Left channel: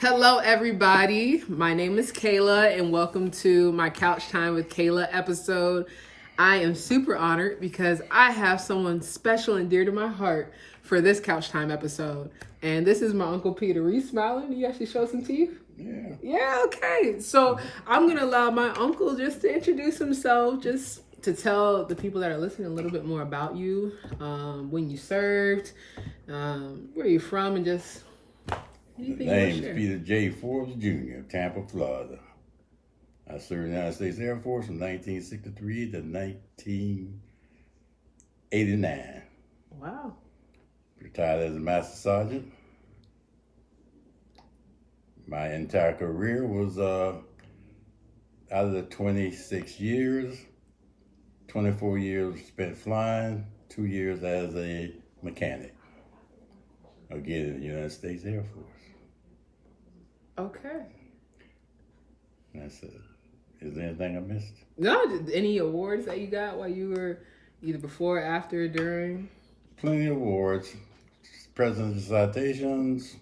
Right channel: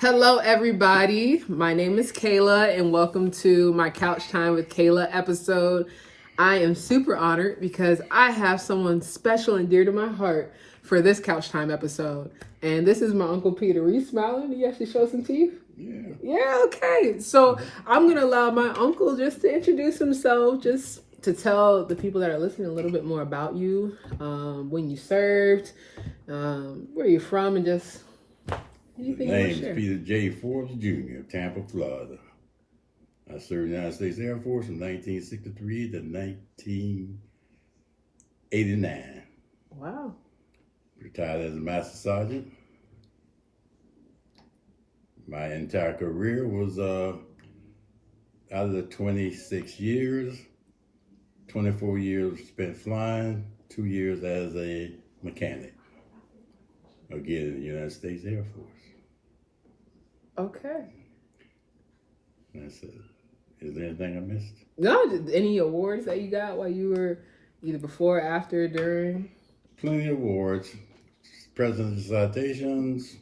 Hello, everybody. My name is Kayla, and welcome to my Couch Time with Kayla episode. I am super honored because I have someone special and dear to my heart for this Couch Time episode. And this is my Uncle Peter. Are you smiling? Do you actually show some teeth? Yeah. Yeah, okay. So I'm going to allow my uncle just to introduce himself, just to tell the people that are listening a little bit more about you, when you served, where you're from, and just anything you want to Name's share. Peter J. Forbes Jr., Tampa, Florida. I served in the United States Air Force from 1963 to 1989. Wow. Retired as a Master Sergeant. My entire career was out of the 26 years, 24 years spent flying, 2 years as a mechanic. Again, in the United States Air Force. Okay. That's it. Is there anything I missed? No, any awards that you got while you were either before, after, during? Plenty of awards. President's citations,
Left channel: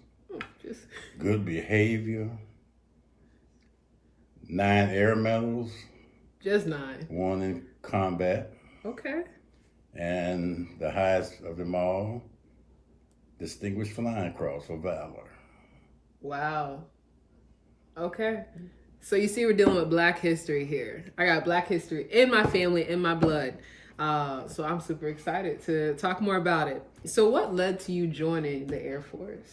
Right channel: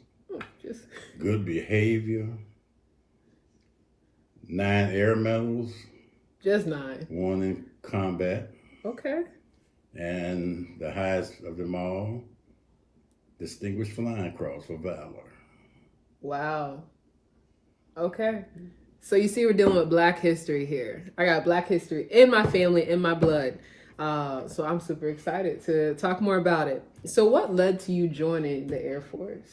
Just good behavior, 9 air medals, just 9. 1 in combat, Okay. and the highest of them all, Distinguished Flying Cross for Valor. Wow. Okay. So you see, we're dealing with Black history here. I got Black history in my family, in my blood. So I'm super excited to talk more about it. So what led to you joining the Air Force?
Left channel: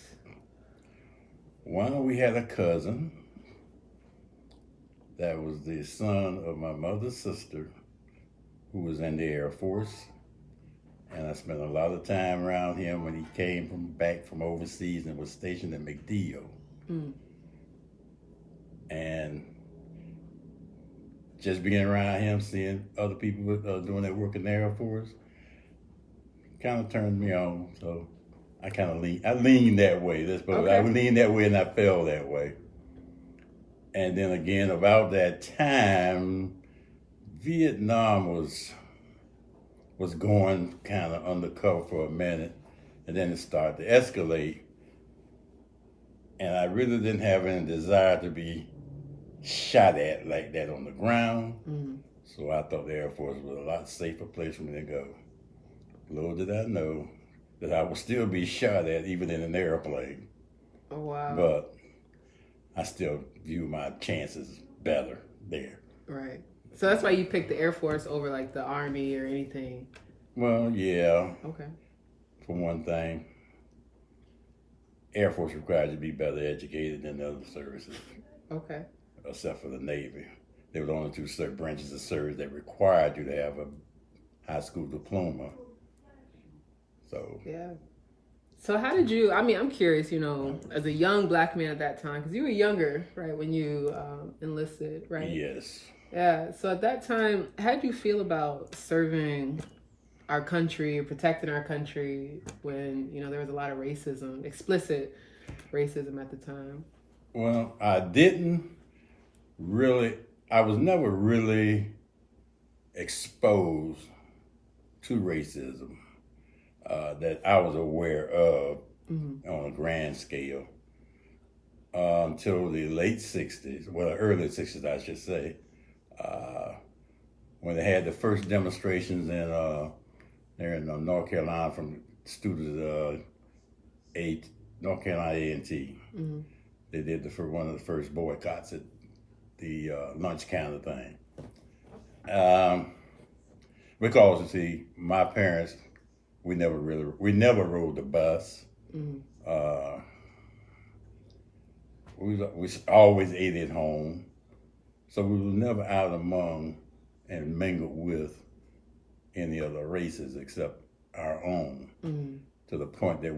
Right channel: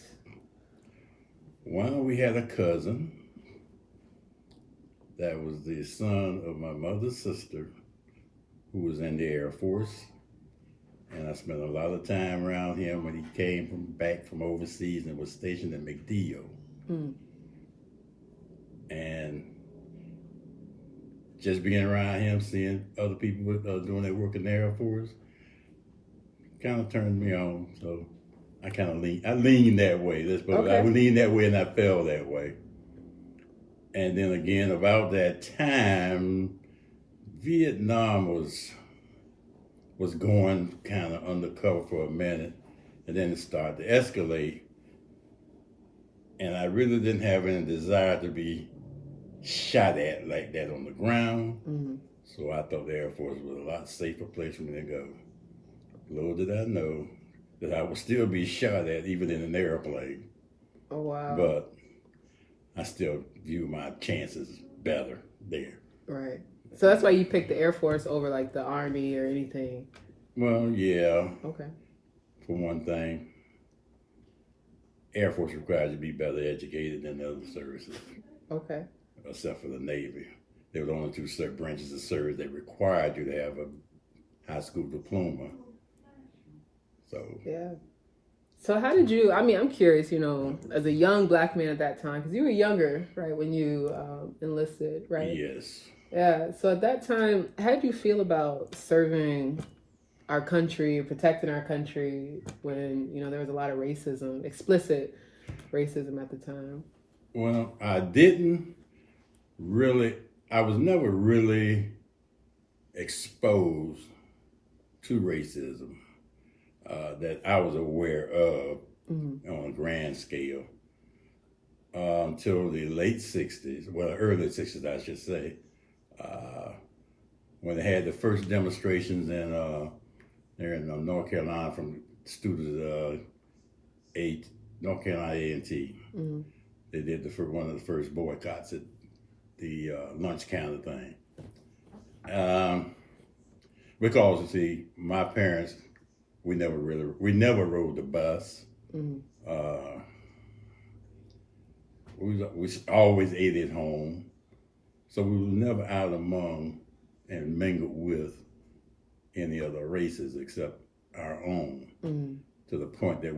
Well, we had a cousin that was the son of my mother's sister who was in the Air Force. And I spent a lot of time around him when he came back from overseas and was stationed at MacDill. And just being around him, seeing other people doing their work in the Air Force, kind of turned me on. So I kind of leaned that way. I leaned that way and I fell that way. And then again, about that time, Vietnam was going kind of undercover for a minute, and then it started to escalate. And I really didn't have any desire to be shot at like that on the ground. So I thought the Air Force was a lot safer place for me to go. Little did I know that I would still be shot at even in an airplane. Oh, wow. But I still view my chances better there. Right. So that's why you picked the Air Force over like the Army or anything. Well, yeah. Okay. For one thing, Air Force requires you to be better educated than the other services. Okay. Except for the Navy. They were the only 2 branches of service that required you to have a high school diploma. So. Yeah. So how did you, I'm curious, as a young Black man at that time, because you were younger, right, when you enlisted, right? Yes. Yeah. So at that time, how did you feel about serving our country, protecting our country when, there was a lot of racism, explicit racism at the time? Well, I was never really exposed to racism that I was aware of on a grand scale until the late 60s, well, early 60s, I should say, when they had the first demonstrations there in North Carolina from students North Carolina A&T. They did one of the first boycotts at the lunch counter thing. Because you see, my parents, we never rode the bus. We always ate at home, so we were never out among and mingled with any other races except our own. To the point that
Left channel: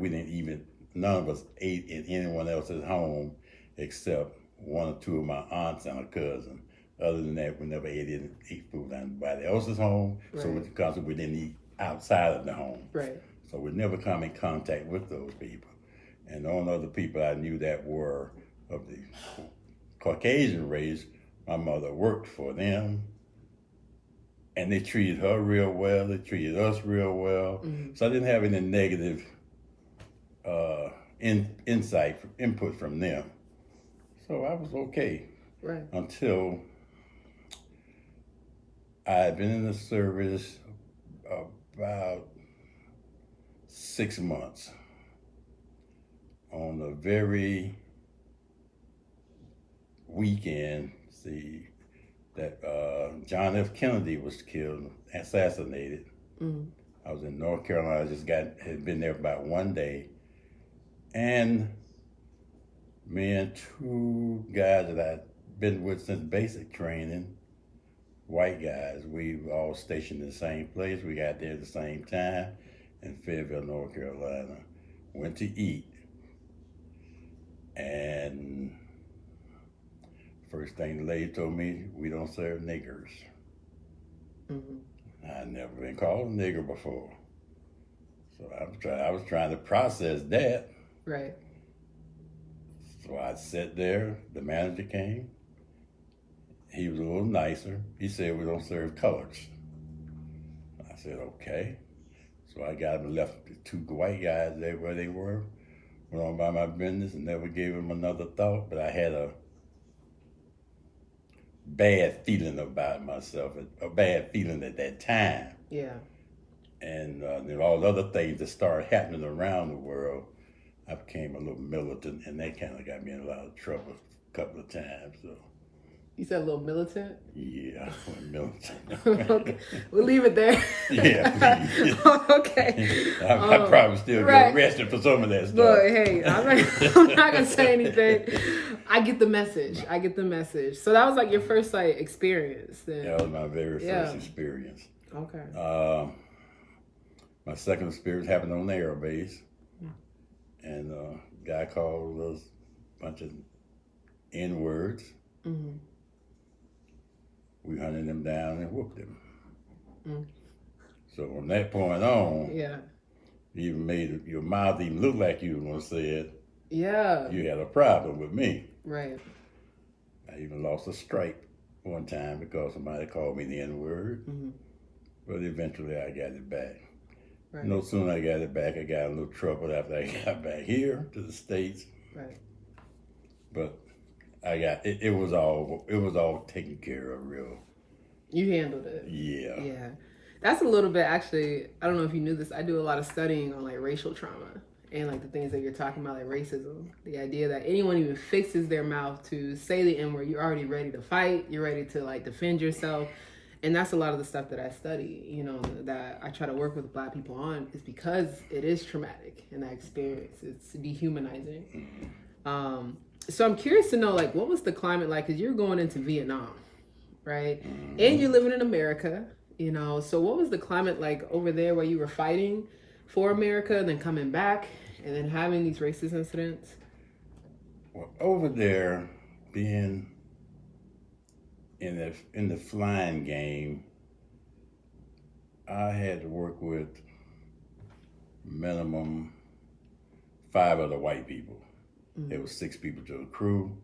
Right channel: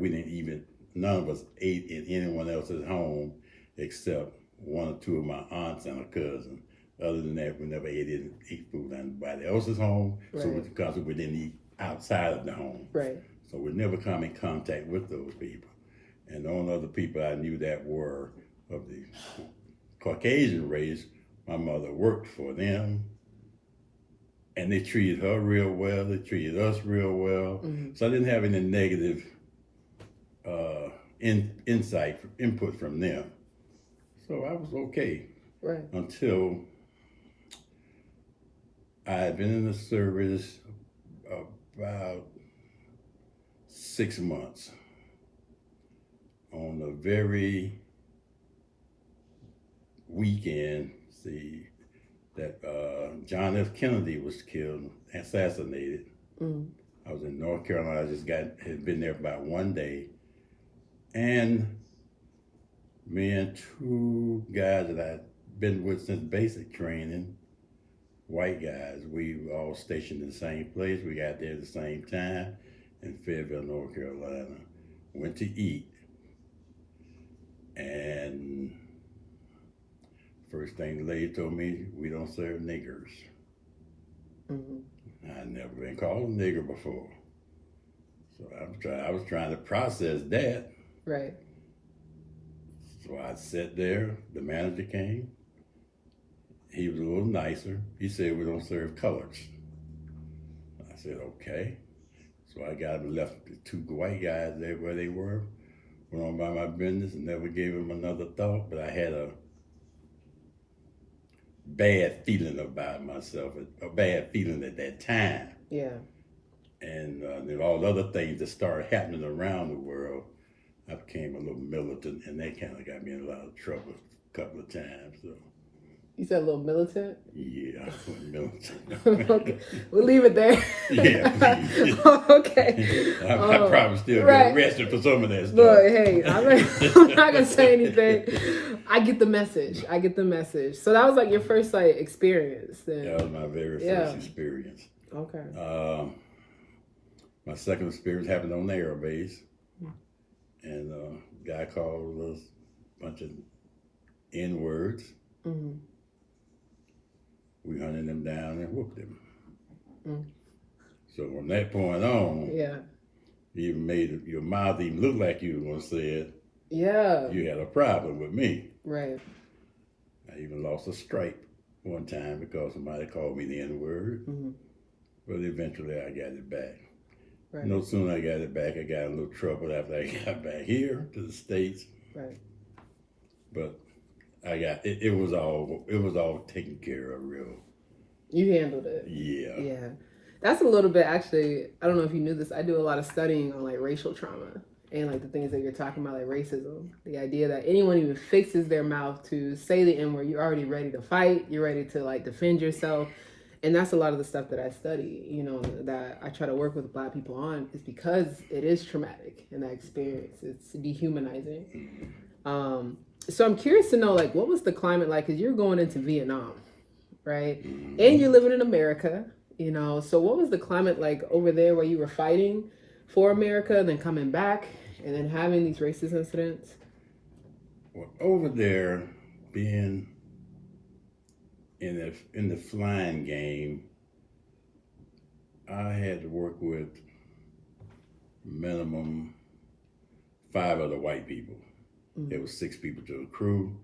none of us ate in anyone else's home except 1 or 2 of my aunts and a cousin. Other than that, we never ate food at anybody else's home. Right. So because we didn't eat outside of the home. Right. So we never come in contact with those people. And the only other people I knew that were of the Caucasian race, my mother worked for them. And they treated her real well. They treated us real well. So I didn't have any negative input from them. So I was okay. Right. Until I had been in the service about 6 months. On the very weekend, that John F. Kennedy was killed, assassinated. Mm-hmm. I was in North Carolina. Had been there about one day, and me and two guys that I'd been with since basic training, white guys, we were all stationed in the same place. We got there at the same time in Fayetteville, North Carolina. Went to eat, and first thing the lady told me, we don't serve niggers. Mm-hmm. I'd never been called a nigger before. So I was trying to process that. Right. So I sat there, the manager came. He was a little nicer. He said, we don't serve colors. I said, okay. So I got him, left the two white guys there where they were, went on by my business and never gave him another thought, but I had a bad feeling about myself, a bad feeling at that time. Yeah. And then all the other things that started happening around the world, I became a little militant, and that kind of got me in a lot of trouble a couple of times. So. You said a little militant? Yeah, I went militant. Okay, we'll leave it there. Yeah. Okay. I probably still right. get arrested for some of that stuff. Look, hey, I'm not gonna say anything. I get the message. So that was like your first like experience. Then. That was my very first experience. Okay. My second experience happened on the air base, and a guy called us a bunch of N-words. Mm-hmm. We hunted him down and whooped him. Mm. So from that point on, yeah, you even made your mouth even look like you were going to say it. Yeah. You had a problem with me. Right. I even lost a stripe one time because somebody called me the N-word. Mm-hmm. But eventually I got it back. Right. No sooner I got it back, I got in a little trouble after I got back here to the States. Right. But I got it was all taken care of real. You handled it. Yeah. Yeah. That's a little bit actually, I don't know if you knew this, I do a lot of studying on like racial trauma and like the things that you're talking about, like racism. The idea that anyone even fixes their mouth to say the N-word, you're already ready to fight, you're ready to like defend yourself. And that's a lot of the stuff that I study, you know, that I try to work with Black people on, is because it is traumatic in that experience. It's dehumanizing. So I'm curious to know, like, what was the climate like? Because you're going into Vietnam, right? And you're living in America, you know. So what was the climate like over there where you were fighting for America, then coming back, and then having these racist incidents? Well, over there, being in the flying game, I had to work with minimum 5 other white people. There was 6 people to the crew.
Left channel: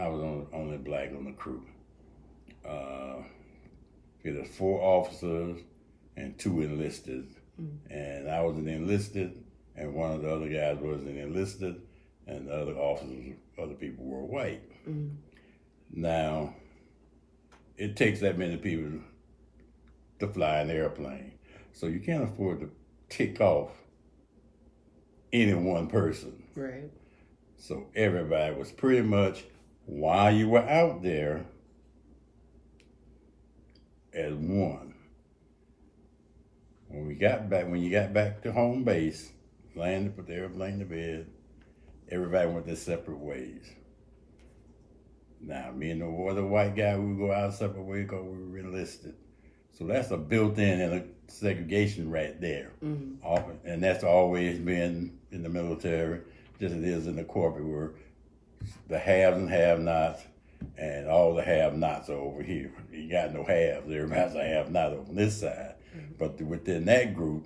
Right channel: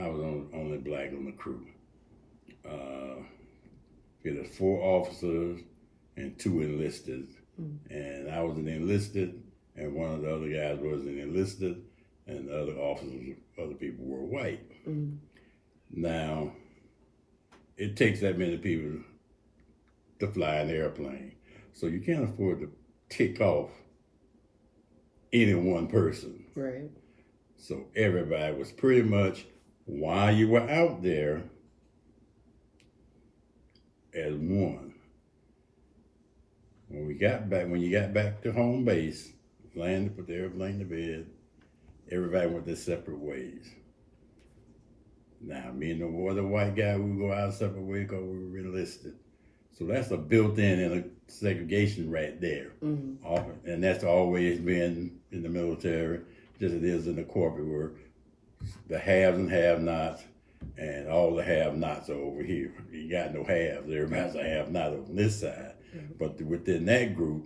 I was only Black on the crew. There was 4 officers and 2 enlisted. And I was an enlisted, and one of the other guys was an enlisted, and the other officers, other people were white. Now, it takes that many people to fly an airplane. So you can't afford to tick off any one person. Right. So everybody was pretty much, while you were out there, as one. When you got back to home base, landed, put the airplane to bed, everybody went their separate ways. Now, me and the other white guy, we would go our separate ways because we were enlisted. So that's a built-in segregation right there. And that's always been in the military, just as it is in the corporate world. The haves and have-nots, and all the have-nots are over here. You got no haves. Everybody's a have-not on this side. But within that group,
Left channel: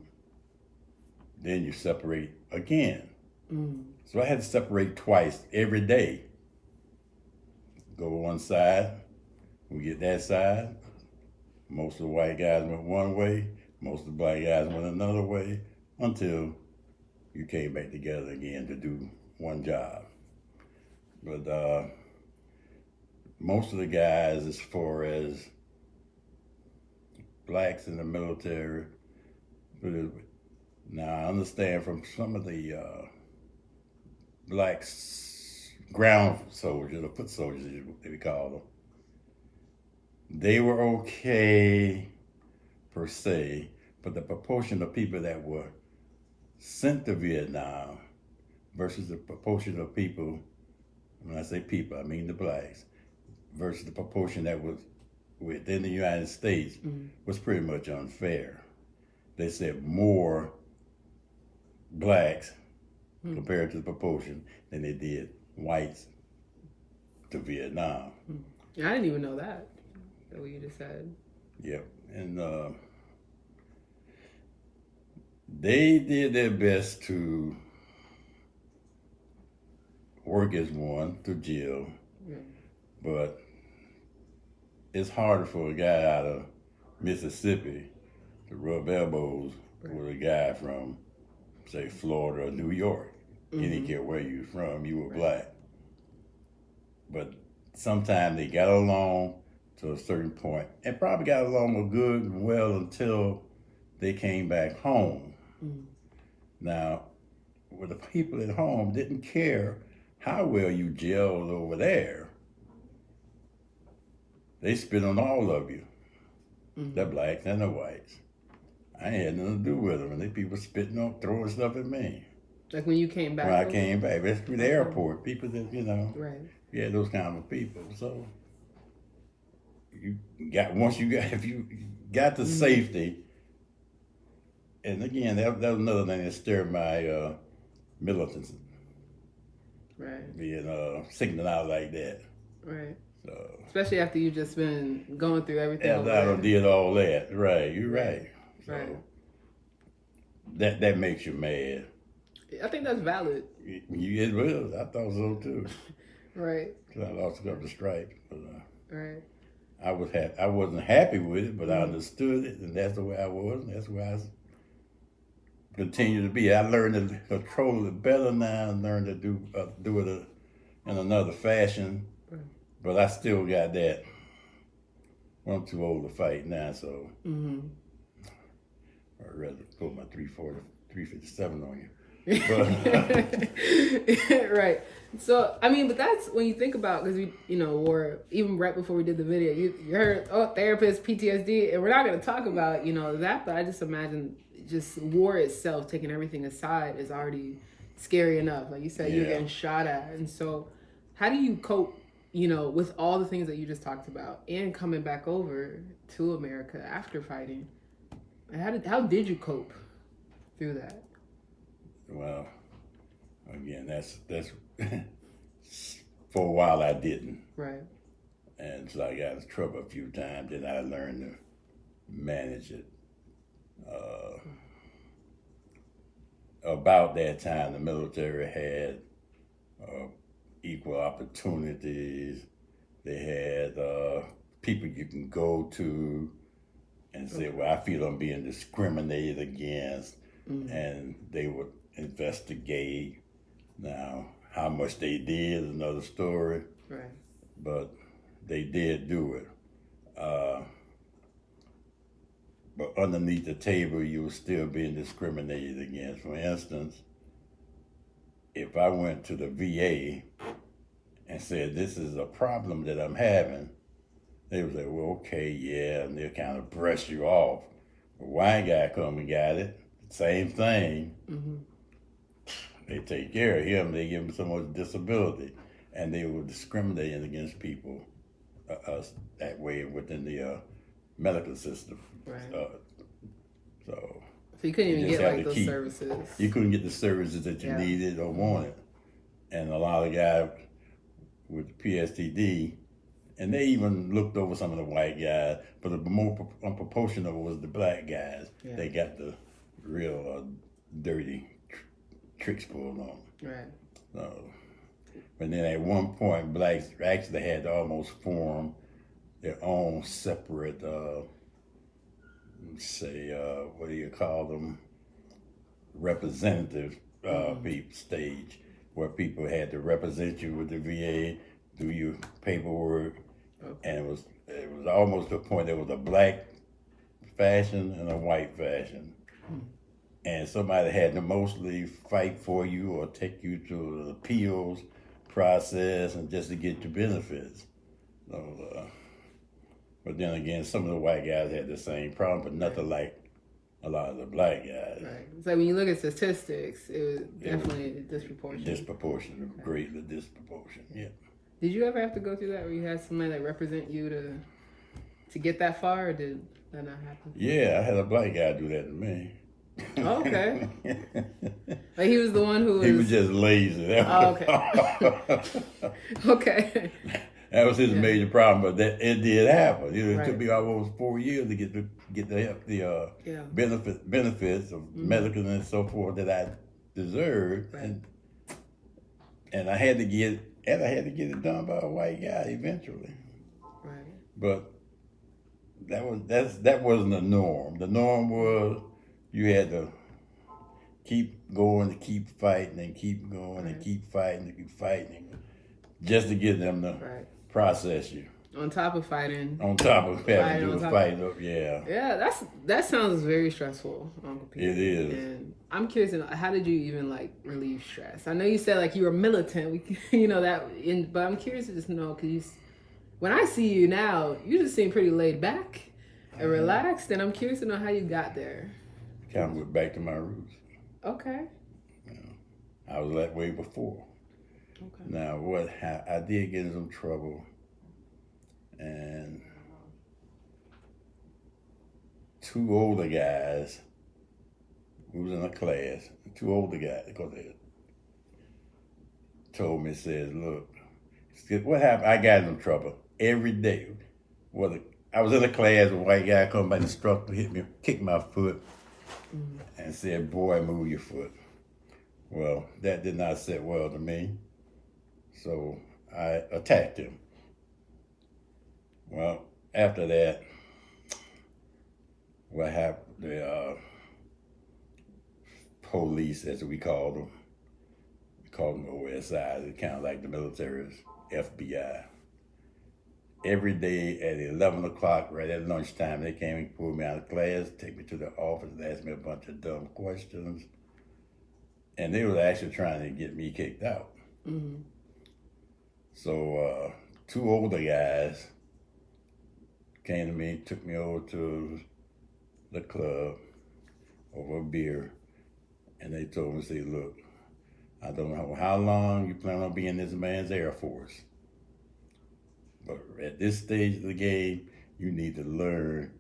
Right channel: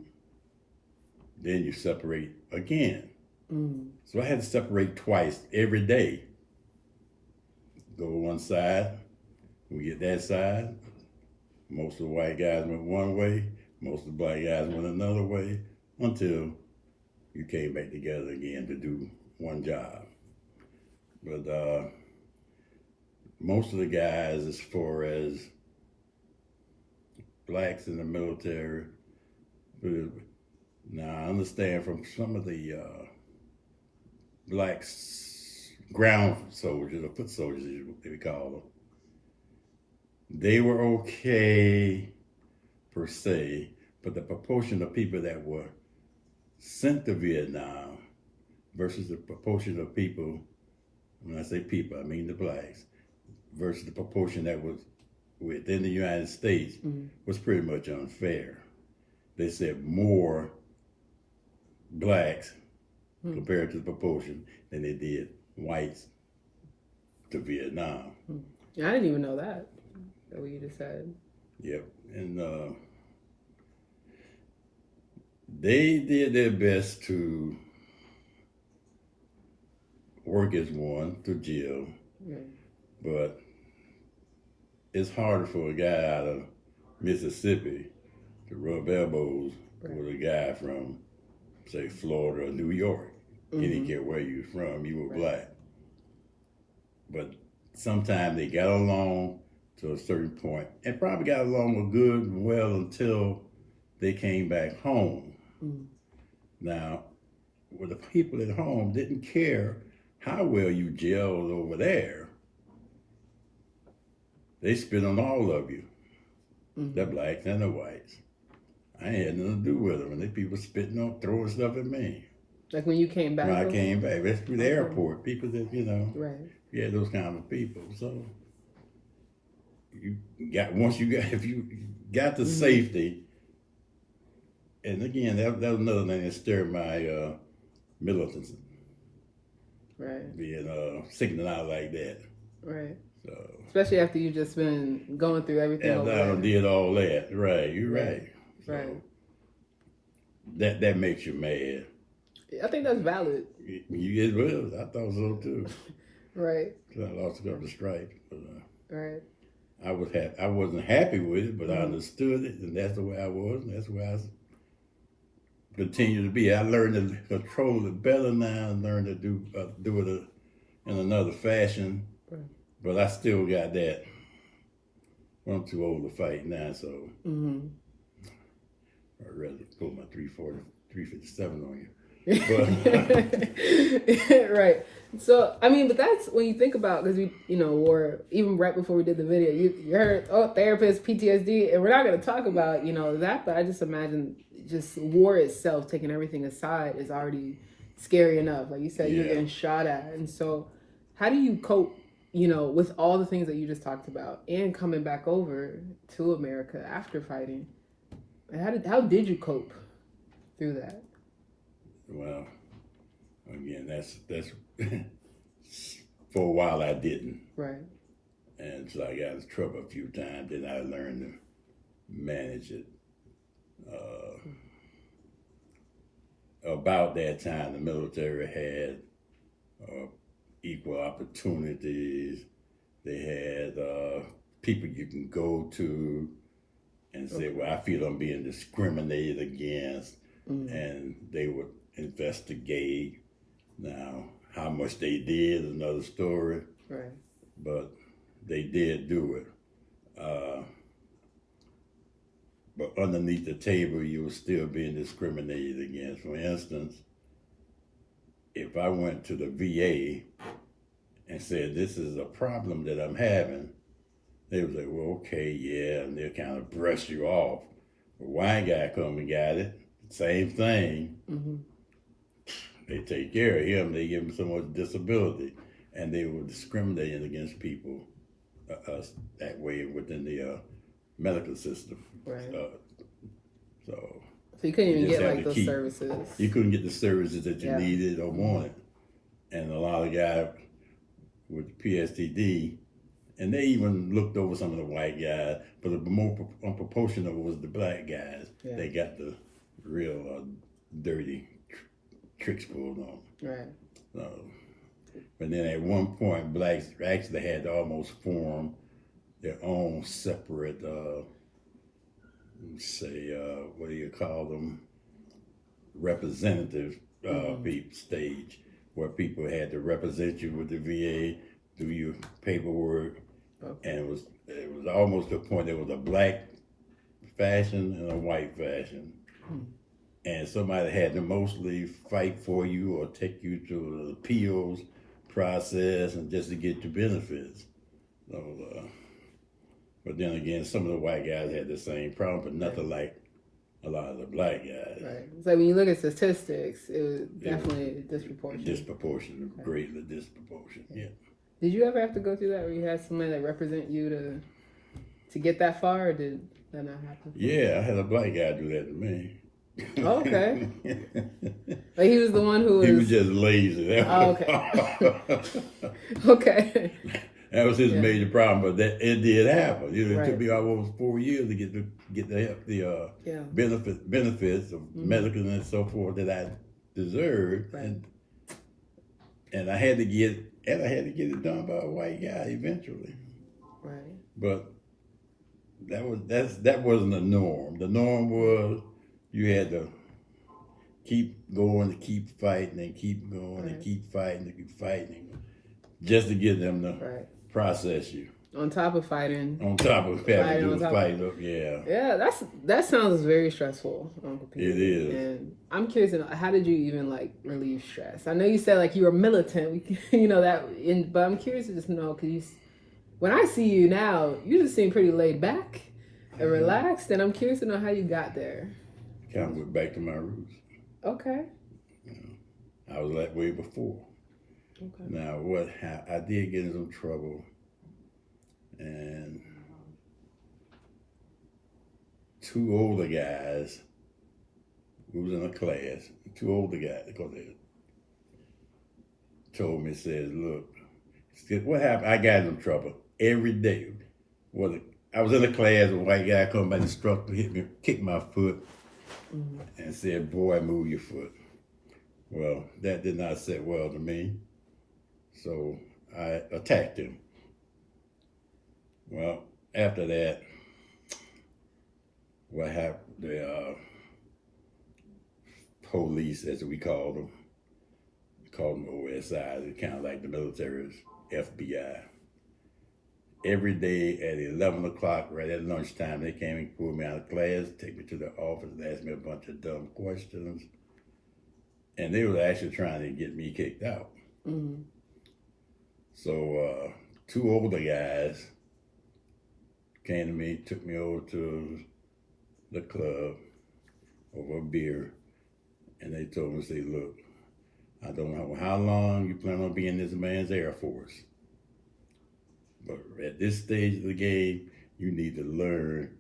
then you separate again. So I had to separate twice every day. Go to one side, we get that side. Most of the white guys went one way, most of the Black guys went another way, until you came back together again to do one job. But most of the guys, as far as blacks in the military, now I understand from some of the blacks ground soldiers or foot soldiers, as we call them, they were okay per se, but the proportion of people that were sent to Vietnam versus the proportion of people, when I say people, I mean the blacks, versus the proportion that was within the United States was pretty much unfair. They said more blacks compared to the proportion than they did whites to Vietnam. I didn't even know that what you just said. Yep. And they did their best to work as one to jail, but it's harder for a guy out of Mississippi to rub elbows with a guy from, say, Florida or New York. He didn't care where you were from, you were black. But sometimes they got along to a certain point, and probably got along good and well until they came back home. Now, well, the people at home didn't care how well you gelled over there. They spit on all of you, the blacks and the whites. I ain't had nothing to do with them, and they people spitting on, throwing stuff at me. Like when you came back? When I came back, that's through the airport. People that, right. Yeah, those kind of people. So if you got to safety, and again, that was another thing that stirred my militancy. Right. Being signaled out like that. Right. So especially after you just been going through everything. I did all that. Right. You're right. Right. So that makes you mad. I think that's valid. It was. I thought so too. Right. Because I lost the strike. But, right. I wasn't happy with it, but I understood it, and that's the way I was, and that's the way I continue to be. I learned to control it better now, and learned to do it in another fashion. Right. But I still got that. I'm too old to fight now, so I'd rather pull my 357 on you. Right. So, I mean, but that's when you think about, because we, or even right before we did the video, you heard, therapist, PTSD, and we're not going to talk about, that, but I just imagine just war itself, taking everything aside, is already scary enough. Like you said, you're getting shot at. And so how do you cope, with all the things that you just talked about and coming back over to America after fighting? How did you cope through that? Well, again, that's for a while I didn't. Right. And so I got in trouble a few times, then I learned to manage it. About that time, the military had equal opportunities. They had people you can go to and say, well, I feel I'm being discriminated against, and they would investigate. Now, how much they did is another story. Right. But they did do it. But underneath the table, you were still being discriminated against. For instance, if I went to the VA and said, this is a problem that I'm having, they would say, well, okay, yeah, and they'll kind of brush you off. A white guy come and got it, same thing. They take care of him, they give him so much disability, and they were discriminating against people that way within the medical system. Right. So you couldn't even get like those services. You couldn't get the services that you needed or wanted. And a lot of guys with PSTD, and they even looked over some of the white guys, but the more proportional was the black guys. Yeah. They got the real dirty tricks pulled on. Right. So, but then at one point, blacks actually had to almost form their own separate, what do you call them, representative stage. where people had to represent you with the VA, do your paperwork, and it was almost to the point there was a black fashion and a white fashion. And somebody had to mostly fight for you or take you through the appeals process and just to get your benefits. So, but then again, some of the white guys had the same problem, but nothing like a lot of the black guys. Right. So when you look at statistics, it was definitely disproportionate. Disproportionate, greatly disproportionate. Yeah. Did you ever have to go through that where you had somebody that represent you to get that far, or did that not happen? Yeah, I had a black guy do that to me. Oh, okay. Like he was the one who was. He was just lazy. Okay. Okay. That was his major problem, but it did happen. It took me almost 4 years to get the benefits of medical and so forth that I deserved, and I had to get it done by a white guy eventually. Right. But that wasn't the norm. The norm was you had to keep going, keep fighting, and keep going, and keep fighting, and keep fighting, just to get them to process you. On top of fighting. On top of having to do the fight, yeah. Yeah, that sounds very stressful, Uncle Pete. It is. And I'm curious to know, how did you even like relieve stress? I know you said like you were militant, but I'm curious to just know, because when I see you now, you just seem pretty laid back and relaxed, and I'm curious to know how you got there. Kind of went back to my roots. Okay. I was that way before. Okay. Now, I did get in some trouble, and two older guys, we was in a class, two older guys, because they told me, says, look, what happened? I got in some trouble every day. I was in a class, a white guy come by the struck, hit me, kicked my foot, and said, boy, move your foot. Well, that did not sit well to me, so I attacked him. Well, after that, what happened, the police, as we called them OSI, they're kind of like the military's FBI. Every day at 11 o'clock, right at lunchtime, they came and pulled me out of class, take me to the office, and asked me a bunch of dumb questions. And they were actually trying to get me kicked out. Mm-hmm. So two older guys came to me, took me over to the club over a beer, and they told me, say, look, I don't know how long you plan on being this man's Air Force, but at this stage of the game, you need to learn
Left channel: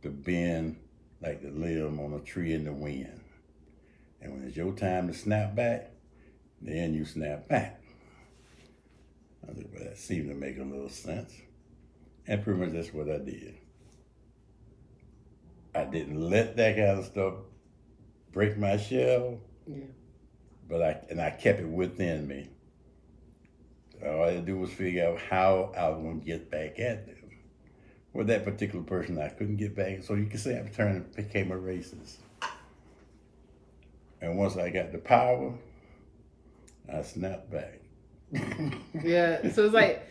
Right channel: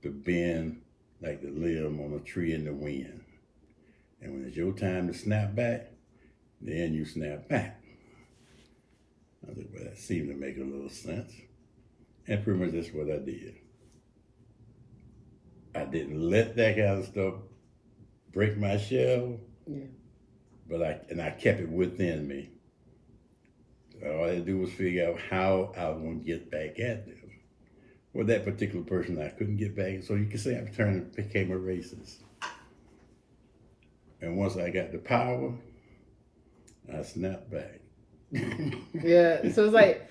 to bend like the limb on a tree in the wind. And when it's your time to snap back, then you snap back. I think, well, that seemed to make a little sense. And pretty much that's what I did. I didn't let that kind of stuff break my shell, but I kept it within me. All I had to do was figure out how I was going to get back at them. Well, that particular person, I couldn't get back, so you can say I became a racist. And once I got the power, I snapped back. Yeah, so it's like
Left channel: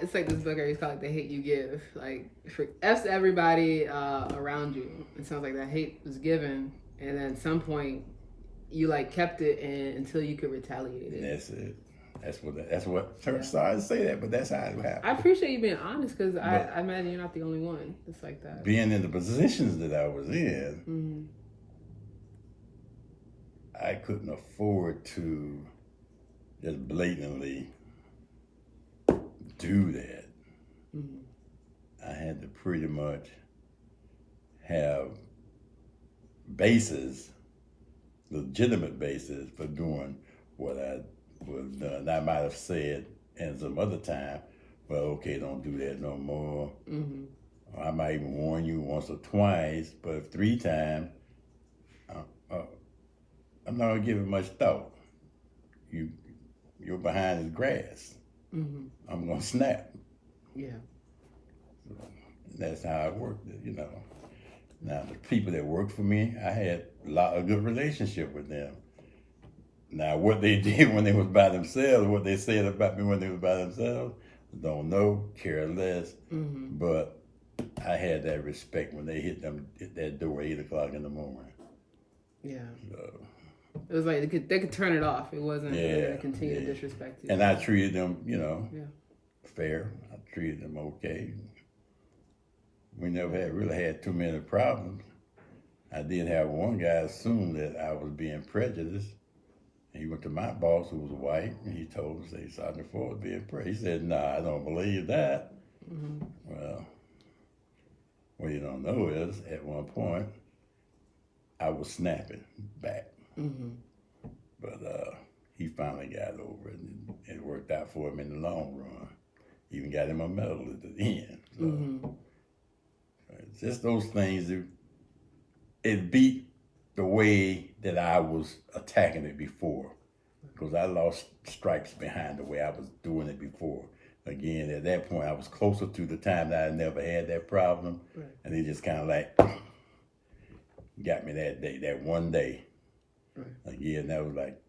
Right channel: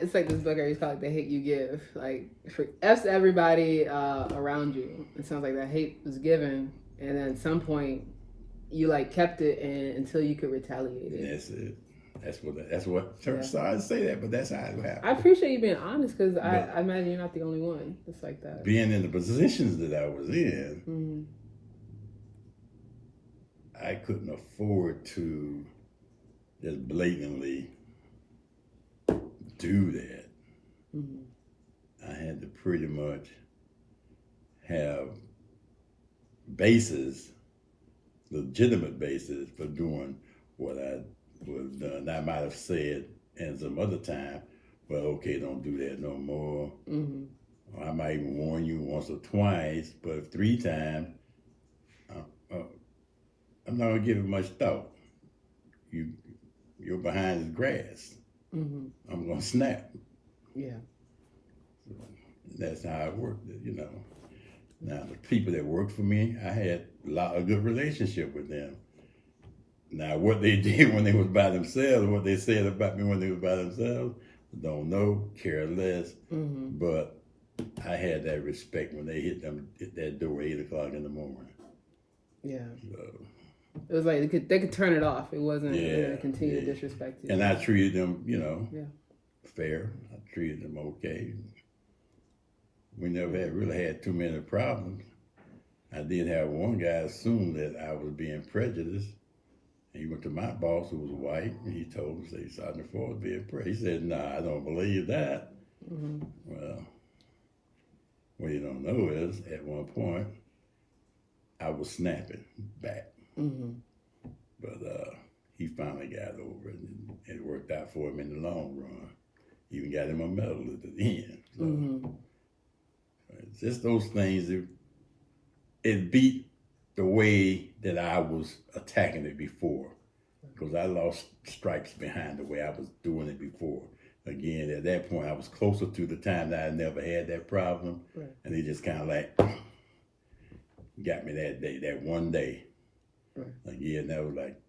this book I used to call, like, The Hate You Give. Like, for everybody around you, it sounds like that hate was given, and then at some point, you like kept it until you could retaliate it. That's it. That's what I say that, but that's how it happened. I appreciate you being honest, because I imagine you're not the only one that's like that. Being in the positions that I was in, I couldn't afford to just blatantly do that. I had to pretty much have legitimate basis for doing what I was done. I might have said at some other time, well, okay, don't do that no more. Or I might even warn you once or twice, but if 3 times, I'm not gonna give it much thought. You're behind the grass. I'm gonna snap. Yeah. So that's how I worked it, you know. Now the people that worked for me, I had a good relationship with them. Now, what they did when they was by themselves, what they said about me when they was by themselves, don't know, care less. But I had that respect when they hit that door 8 o'clock in the morning. Yeah. So, it was like they could turn it off. It wasn't going to continue to disrespect you. And I treated them, fair. I treated them okay. We never really had too many problems. I did have one guy assume that I was being prejudiced. He went to my boss, who was white, and he told him, say, Sergeant Ford was being prejudiced. He said, "Nah, I don't believe that." Well, what you don't know is, at one point, I was snapping back. But he finally got over it, and it worked out for him in the long run. Even got him a medal at the end. So, it's just those things. It beat the way that I was attacking it before, because I lost stripes behind the way I was doing it before. Again, at that point, I was closer to the time that I never had that problem, and they just kind of like got me that day, that one day. Again, that was like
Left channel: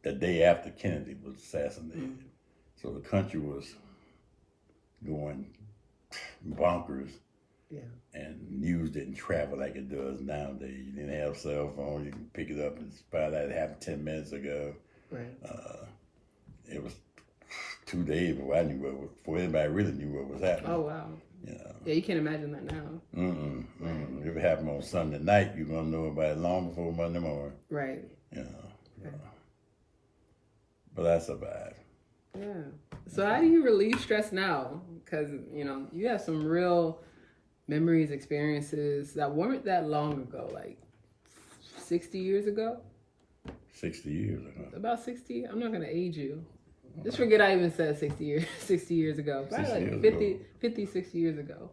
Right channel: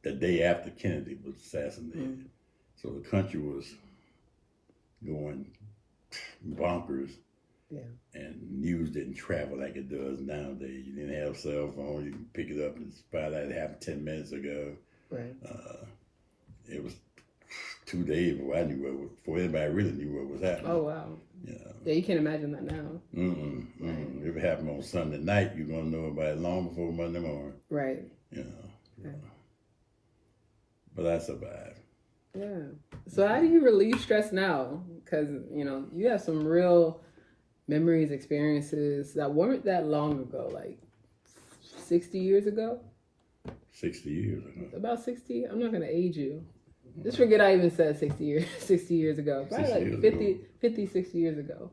the day after Kennedy was assassinated. So the country was going bonkers. And news didn't travel like it does nowadays. You didn't have cell phone. You can pick it up and find out it happened 10 minutes ago. It was 2 days before I knew before anybody really knew what was happening. Oh, wow. Yeah, you can't imagine that now. If it happened on Sunday night, you're going to know about it long before Monday morning. Right. But I survived. Yeah. So how do you relieve stress now? Because, you have some real memories, experiences that weren't that long ago, like 60 years ago? 60 years ago. About 60? I'm not going to age you. Just forget I even said 60 years ago. Probably like 50, 60 years ago.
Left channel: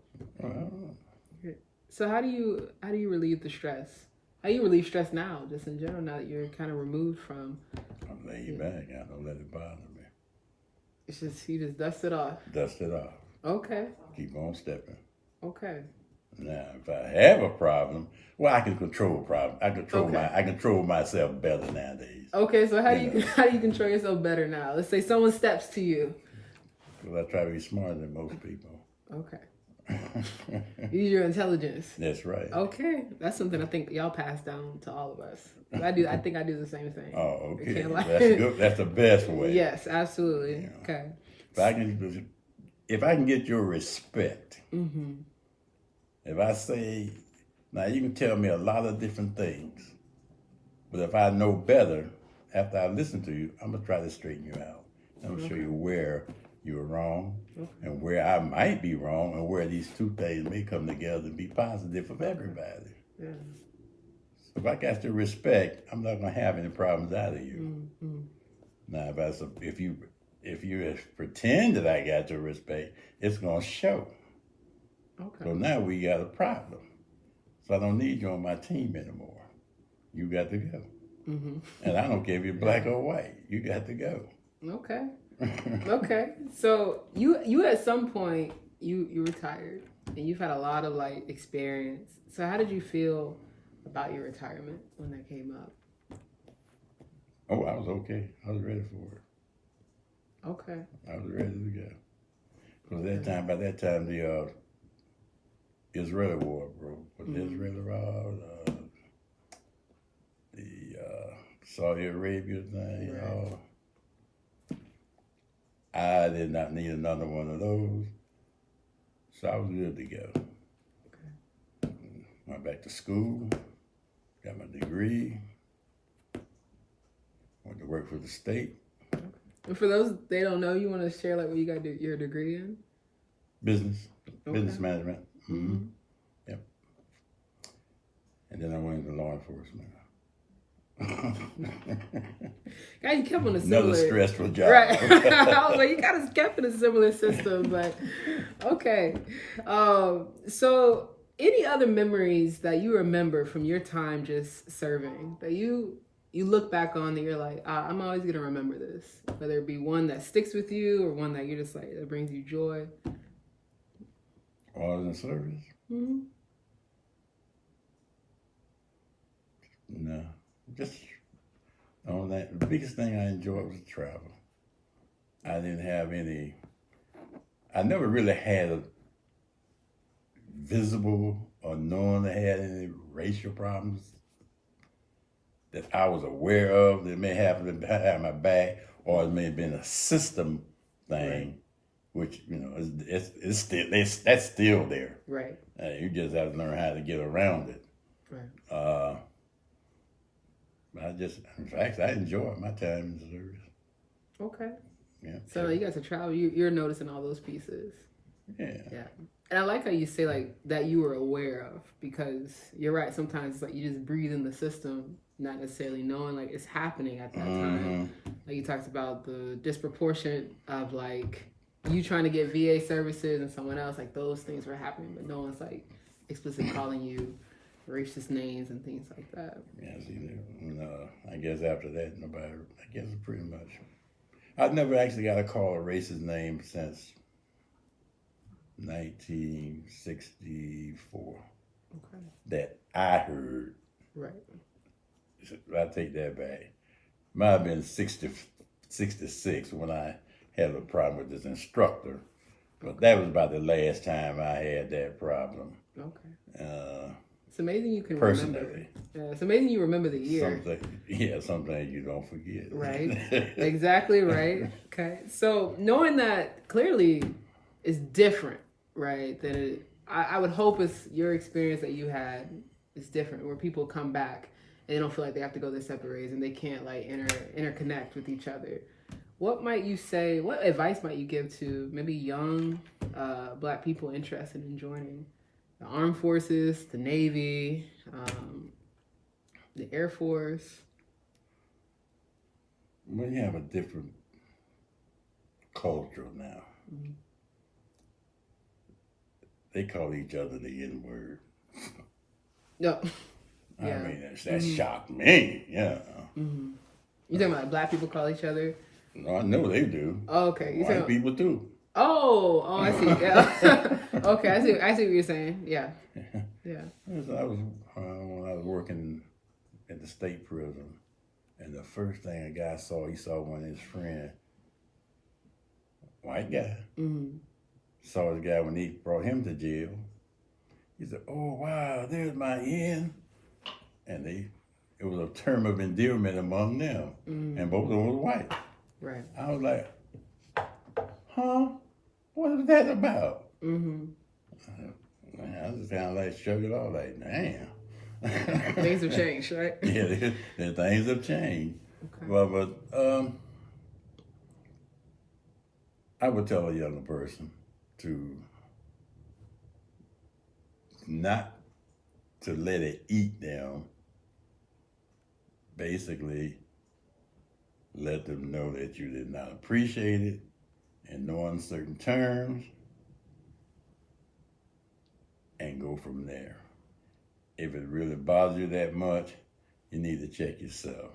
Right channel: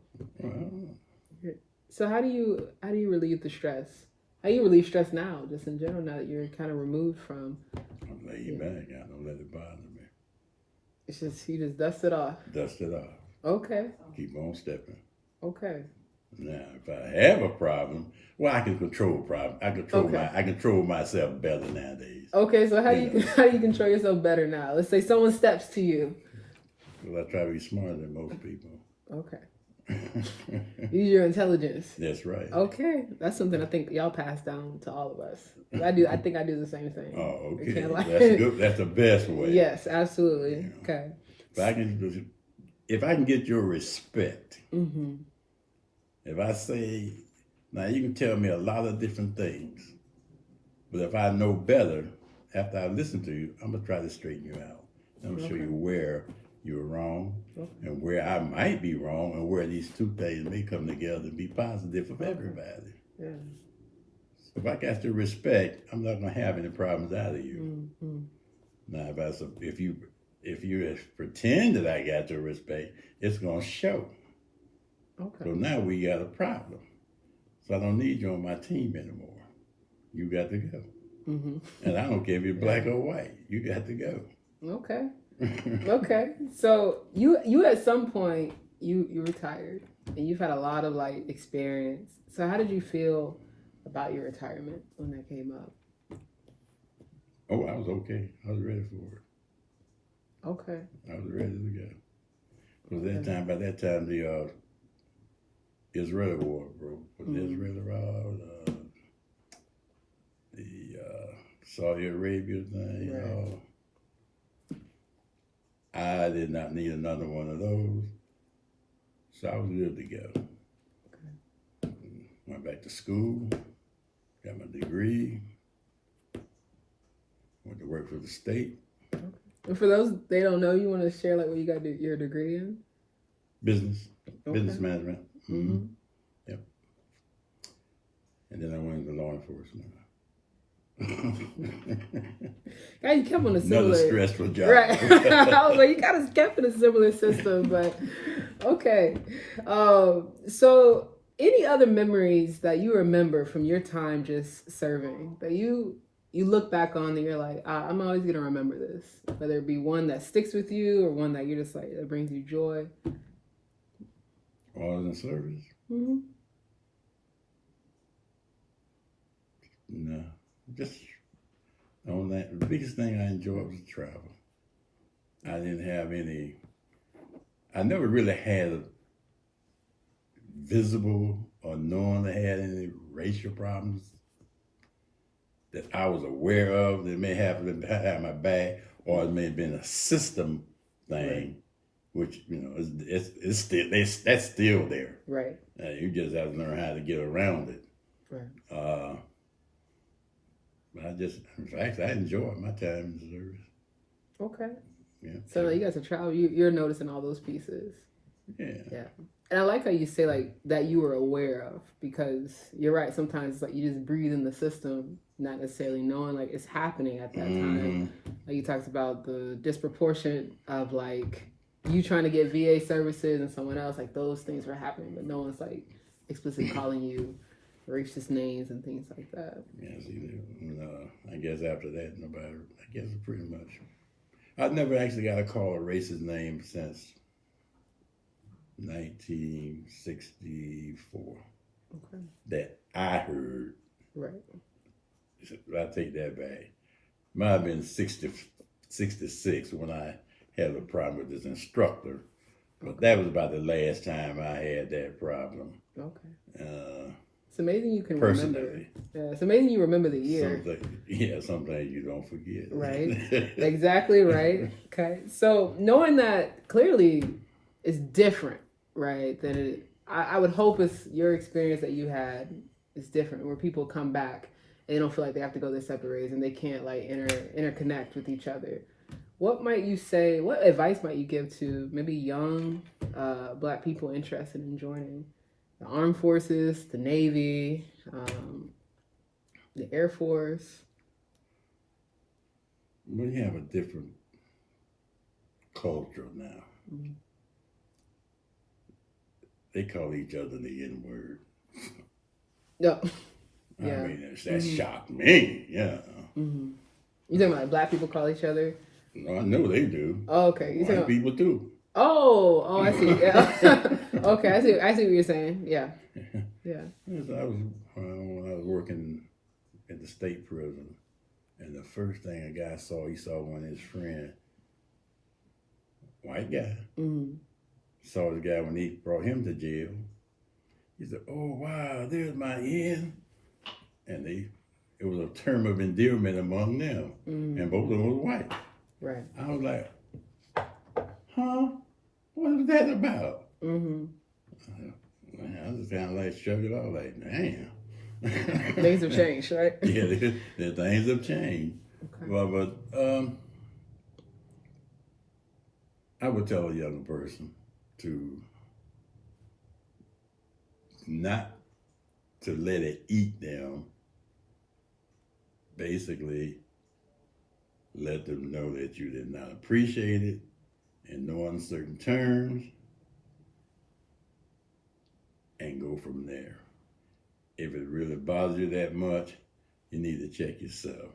So how do you relieve the stress? How do you relieve stress now, just in general, now that you're kind of removed from? I'm laying back. I don't let it bother me. It's just, you just dust it off. Dust it off. Okay. Keep on stepping. Okay. Now, if I have a problem, well, I can control problem. I control myself better nowadays. Okay, so how do you control yourself better now? Let's say someone steps to you. Well, I try to be smarter than most people. Okay. Use your intelligence. That's right. Okay, that's something I think y'all pass down to all of us. I think I do the same thing. Oh, okay. That's good. That's the best way. Yes, absolutely. Okay. If I can get your respect. If I say, now you can tell me a lot of different things, but if I know better, after I listen to you, I'm gonna try to straighten you out. I'm gonna show you where you're wrong and where I might be wrong, and where these two things may come together to be positive for everybody. Yeah. So if I got your respect, I'm not gonna have any problems out of you. Now, if you pretend that I got your respect, it's gonna show. Okay. So now we got a problem. So I don't need you on my team anymore. You got to go. And I don't care if you're black or white. You got to go. Okay. Okay. So you at some point you retired and you've had a lot of like experience. So how did you feel about your retirement when that came up? Oh, I was okay. I was ready for it. Okay. I was ready to go. Because by that time the Israeli war broke. With the Israeli war, the Saudi Arabia thing. I did not need another one of those. So I was good to go. Okay. Went back to school, got my degree, went to work for the state. Okay. And for those they don't know, you want to share like what you got your degree in? Business management. Yep. And then I went into law enforcement. Yeah, you kept on a similar. Another stressful job. Right. I was like, you kind of kept in a similar system, but okay. So any other memories that you remember from your time just serving that you look back on and you're like, I'm always going to remember this, whether it be one that sticks with you or one that you're just like, that brings you joy? While I was in service? No. Just On that, the biggest thing I enjoyed was travel. I didn't have any. I never really had a visible or known I had any racial problems that I was aware of that may have been behind my back, or it may have been a system thing, right. Which it's still that's still there. Right. You just have to learn how to get around it. Right. In fact, I enjoyed my time in the service. Okay. Yeah. So you guys are travel. You're noticing all those pieces. Yeah. Yeah. And I like how you say like that you were aware of, because you're right. Sometimes it's like you just breathe in the system, not necessarily knowing like it's happening at that time. Like you talked about the disproportion of like you trying to get VA services and someone else, like those things were happening, but no one's like explicitly calling you racist names and things like that. Yeah, see, I guess after that, nobody, I guess pretty much. I've never actually got a call a racist name since 1964. Okay. That I heard. Right. I take that back. Might have been 66 when I had a problem with this instructor. But that was about the last time I had that problem. Okay. It's amazing you can personally. Remember. Yeah, it's amazing you remember the year. Sometimes you don't forget. Right. Exactly right. Okay. So knowing that clearly is different, right? Than I would hope it's your experience that you had is different, where people come back and they don't feel like they have to go their separate ways and they can't like interconnect with each other. What might you say? What advice might you give to maybe young Black people interested in joining the Armed Forces, the Navy, the Air Force? We have a different culture now. Mm-hmm. They call each other the N-word. No. I mean, that shocked me. Yeah. Mm-hmm. You talking about Black people call each other? No, I know they do. Oh, okay. White people too. Oh, I see. Yeah. Okay, I see what you're saying. Yeah. Yeah. When I was working at the state prison, and the first thing a guy saw, he saw one of his friends, white guy, saw the guy when he brought him to jail. He said, "Oh wow, there's my N," and it was a term of endearment among them, and both of them were white. Right. I was like, "Huh? What is that about?" I just kind of like shrugged it off, like, "Damn." Things have changed, right? Yeah, the things have changed. Okay. Well, but I would tell a younger person to not to let it eat them. Basically, let them know that you did not appreciate it in no uncertain terms, and go from there. If it really bothers you that much, you need to check yourself,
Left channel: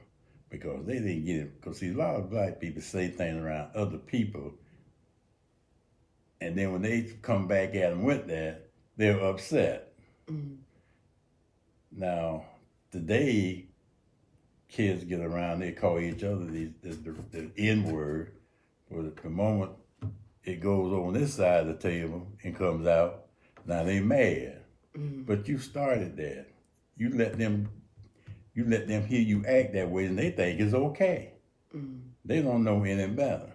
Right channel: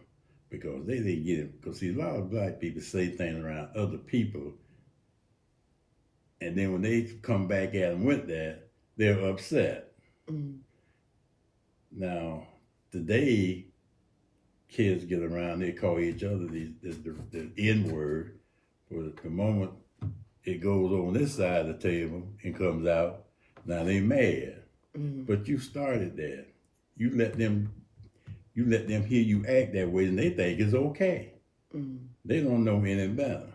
because they didn't get it. Because see, a lot of Black people say things around other people, and then when they come back at them with that, they're upset. Now, today, kids get around, they call each other the N-word. But the moment it goes on this side of the table and comes out, now they mad. But you started that. You let them hear you act that way, and they think it's okay. They don't know any better.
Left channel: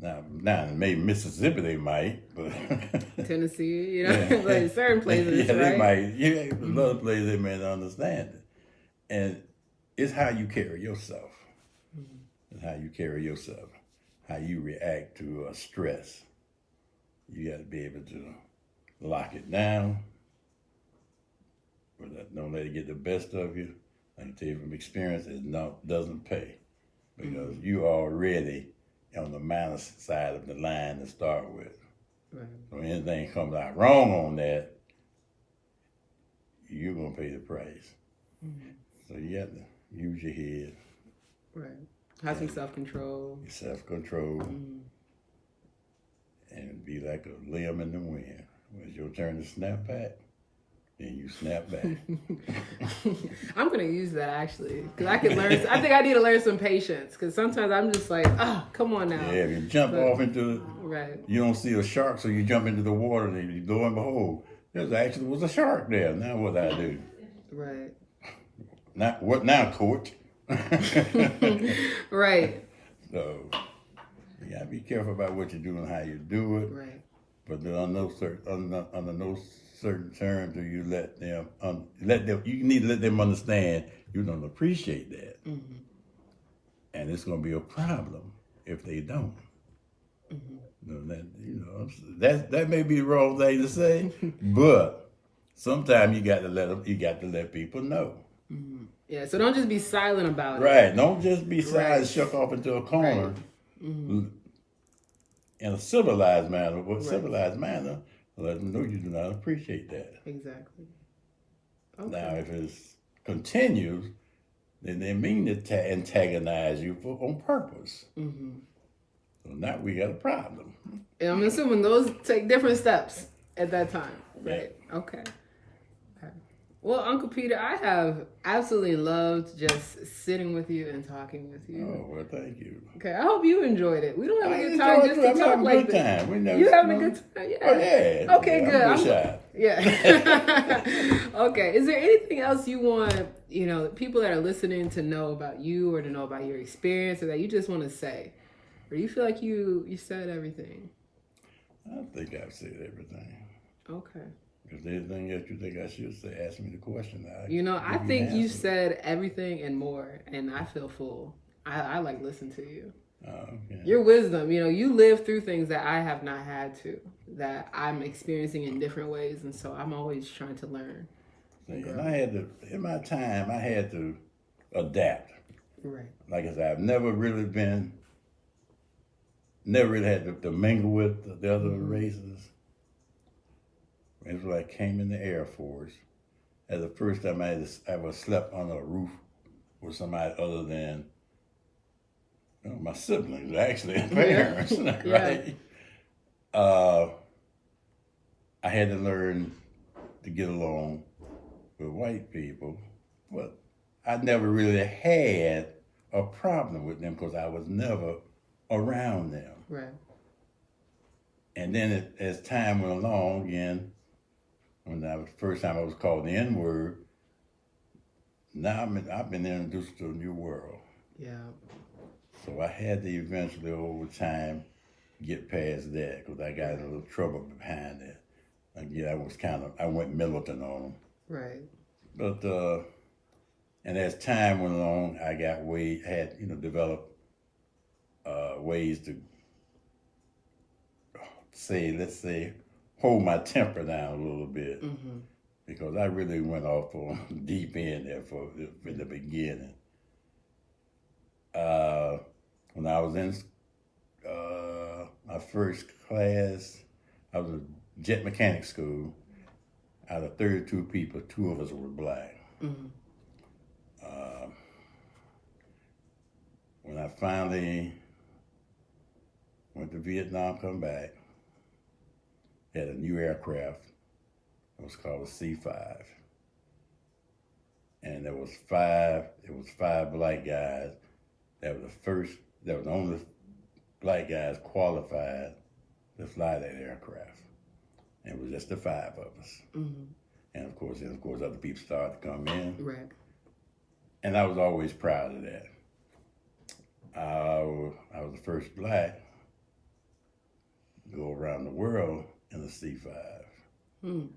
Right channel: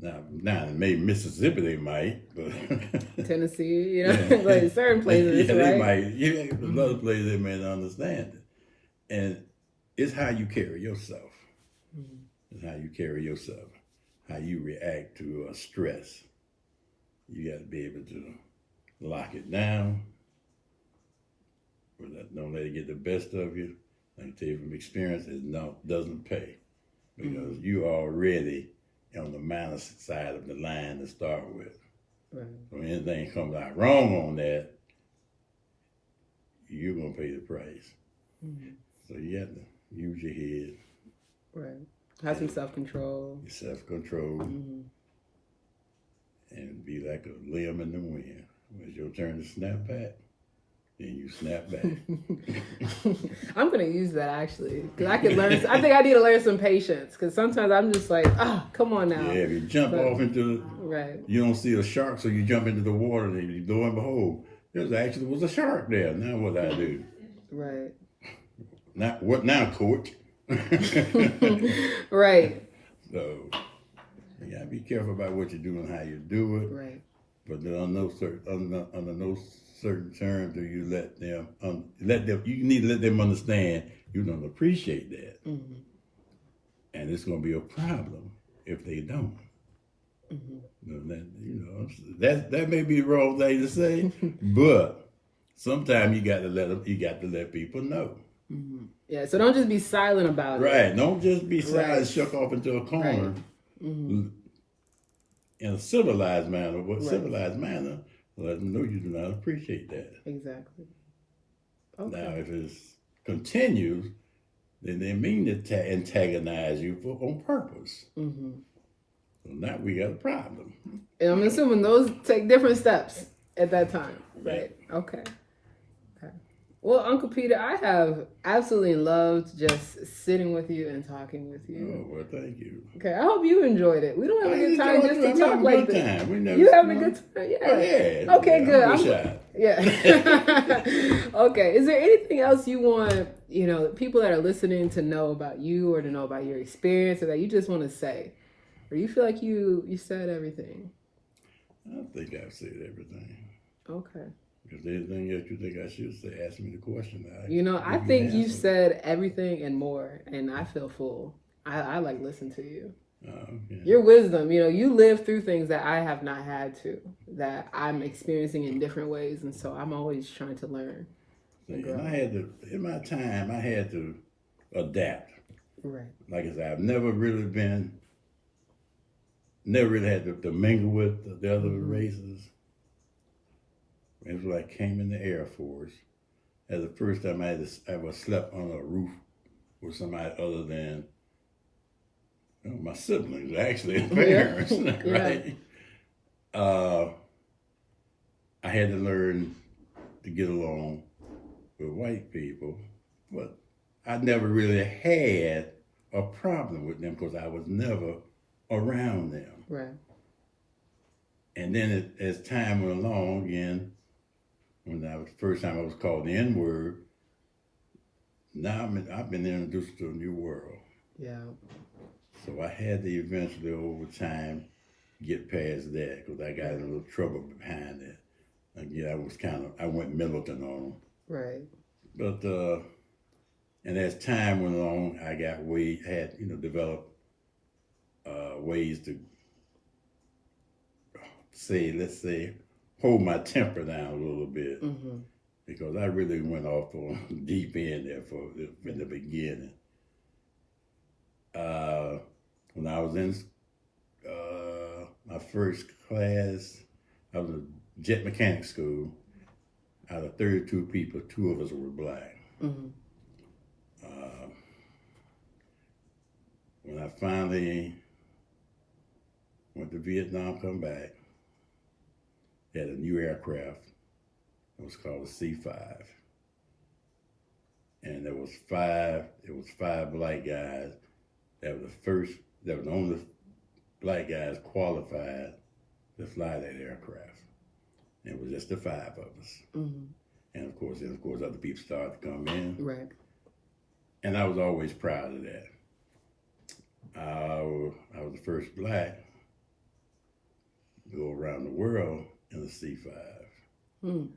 Now maybe Mississippi they might, but Tennessee, but certain places, right? They might. Yeah, other places they may not understand it. And it's how you carry yourself. It's how you carry yourself. How you react to stress. You got to be able to lock it down. Don't let it get the best of you. I can tell you from experience, doesn't pay, because you already on the minus side of the line to start with. Right. So anything comes out wrong on that, you're gonna pay the price. So you have to use your head. Right. Have some self-control. Self-control. And be like a limb in the wind. When it's your turn to snap back, then you snap back. I'm gonna use that actually because I can learn. I think I need to learn some patience because sometimes I'm just like, come on now. Yeah, if you jump off into, right, you don't see a shark, so you jump into the water, and lo and behold, there actually was a shark there. Now what I do? Right. Not what now, coach? Right. So you gotta be careful about what you do and how you do it. Right. But under no certain terms do you let them. You need to let them understand you don't appreciate that, Mm-hmm. and it's going to be a problem if they don't. Mm-hmm. That may be the wrong thing to say, but sometimes you got to let them. You got to let people know. Mm-hmm. Yeah. So don't just be silent about it. Right. Don't just be silent, Right. shuck off into a corner. Right. Mm-hmm. In a civilized manner. Civilized manner? Let them know you do not appreciate that. Exactly. Okay. Now, if it continues, then they mean to antagonize you on purpose. Mm-hmm. So now we got a problem. And I'm assuming those take different steps at that time, right? Yeah. Okay. Well, Uncle Peter, I have absolutely loved just sitting with you and talking with you. Oh, well, thank you. Okay, I hope you enjoyed it. We don't have a good time just to talk like this. You having a good time? Yeah. Oh, yeah. Okay, good. Yeah. Okay. Is there anything else you want, people that are listening to know about you or to know about your experience or that you just want to say? Or you feel like you said everything? I think I've said everything. Okay. If there's anything else you think I should say, ask me the question. I think you said everything and more, and I feel full. I like listen to you. Okay. Your wisdom, you live through things that I have not had to, that I'm experiencing in different ways, and so I'm always trying to learn. And in my time, I had to adapt. Right. Like I said, I've never really had to mingle with the other races. It was like I came in the Air Force. That's the first time I ever slept on a roof with somebody other than my siblings, actually, parents, right? I had to learn to get along with white people, but I never really had a problem with them because I was never around them. Right. And then as time went along, again, when the first time I was called the N-word, now I've been introduced to a new world. Yeah. So I had to eventually, over time, get past that because I got in a little trouble behind it. Again, I went militant on them. Right. But and as time went along, I developed ways to let's say, hold my temper down a little bit, because I really went off on deep end there in the beginning. When I was in my first class, I was in jet mechanic school. Out of 32 people, 2 of us were black. When I finally went to Vietnam, come back, had a new aircraft. It was called a C-5. And there was 5 black guys that were the only black guys qualified to fly that aircraft. And it was just the 5 of us. And of course, other people started to come in. Right. And I was always proud of that. I was the first black to go around the world in the C-5.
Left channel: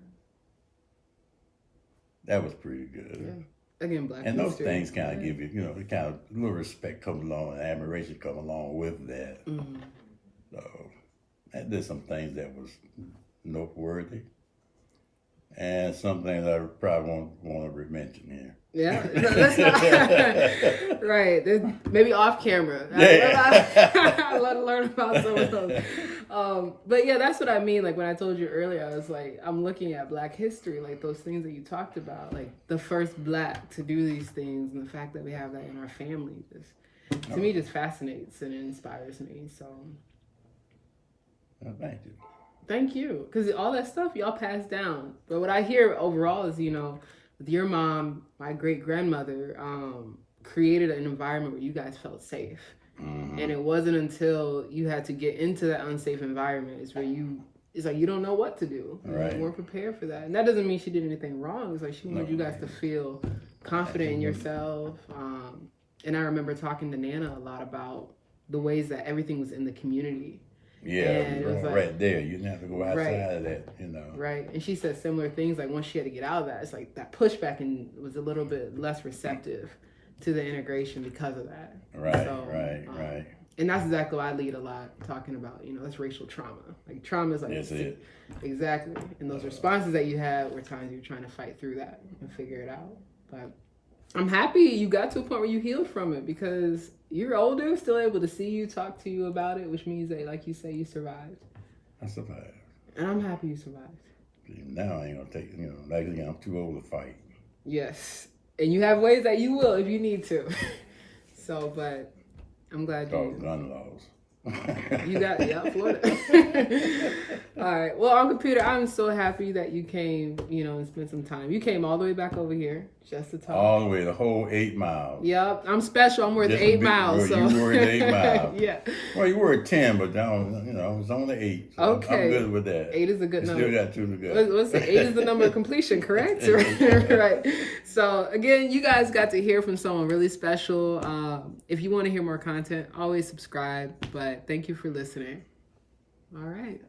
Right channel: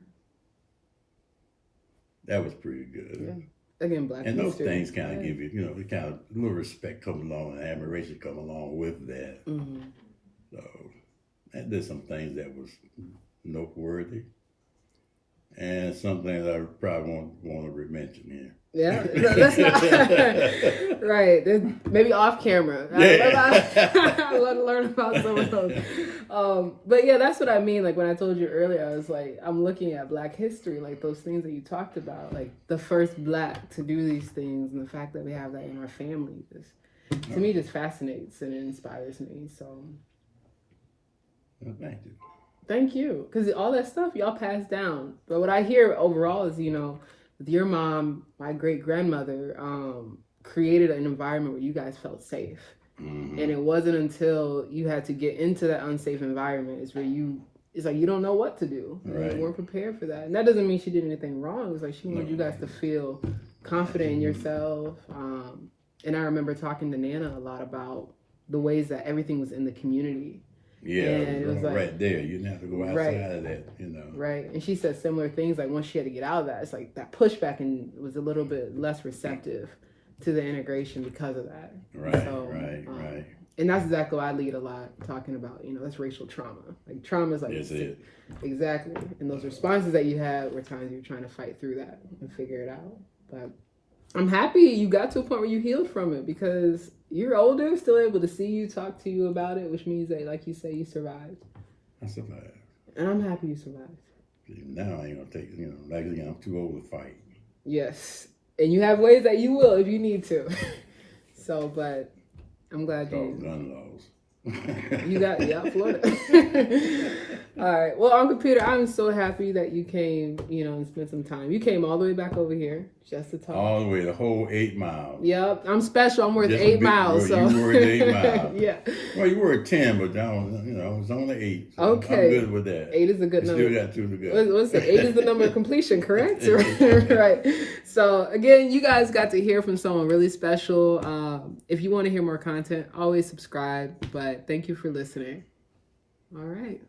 That was pretty good. Yeah. Again, black and those things kind of give you, kind of a little respect come along and admiration come along with that. So I did some things that was noteworthy, and some things I probably won't want to mention here. Yeah, no, that's not right. Maybe off camera. I love to learn about some of those. But yeah, that's what I mean. Like when I told you earlier, I was like, I'm looking at Black history, like those things that you talked about, like the first Black to do these things, and the fact that we have that in our family, to me, just fascinates and inspires me. So, well, thank you. Thank you. Because all that stuff y'all passed down. But what I hear overall is, with your mom, my great grandmother, created an environment where you guys felt safe. Mm-hmm. And it wasn't until you had to get into that unsafe environment it's like you don't know what to do. Right. You weren't prepared for that. And that doesn't mean she did anything wrong. It's like she wanted you guys to feel confident in yourself. And I remember talking to Nana a lot about the ways that everything was in the community. Yeah, and it was like, right there. You didn't have to go outside of that, Right. And she said similar things, like once she had to get out of that, it's like that pushback and was a little bit less receptive to the integration because of that. Right, so, right. And that's exactly what I lead a lot, talking about, that's racial trauma. Like trauma is like, exactly. And those responses that you had were times you're trying to fight through that and figure it out. But I'm happy you got to a point where you healed from it, because you're older, still able to see you, talk to you about it, which means that, like you say, you survived. I survived. And I'm happy you survived. Now I ain't gonna take, like again, I'm too old to fight. Yes. And you have ways that you will if you need to. So, but I'm glad you. Gun laws. You got, Florida. All right. Well, Uncle Peter, I'm so happy that you came, and spent some time. You came all the way back over here just to talk. All the way, the whole 8 miles. Yep. I'm special. I'm worth 8 miles. So you worth 8 miles. Yeah. Well, you were at 10, but down, it's only 8. So okay. I'm good with that. 8 is a good number. Still got 2 to go. What's it? 8 is the number of completion, correct? Right. So again, you guys got to hear from someone really special. If you want to hear more content, always subscribe. But thank you for listening. All right.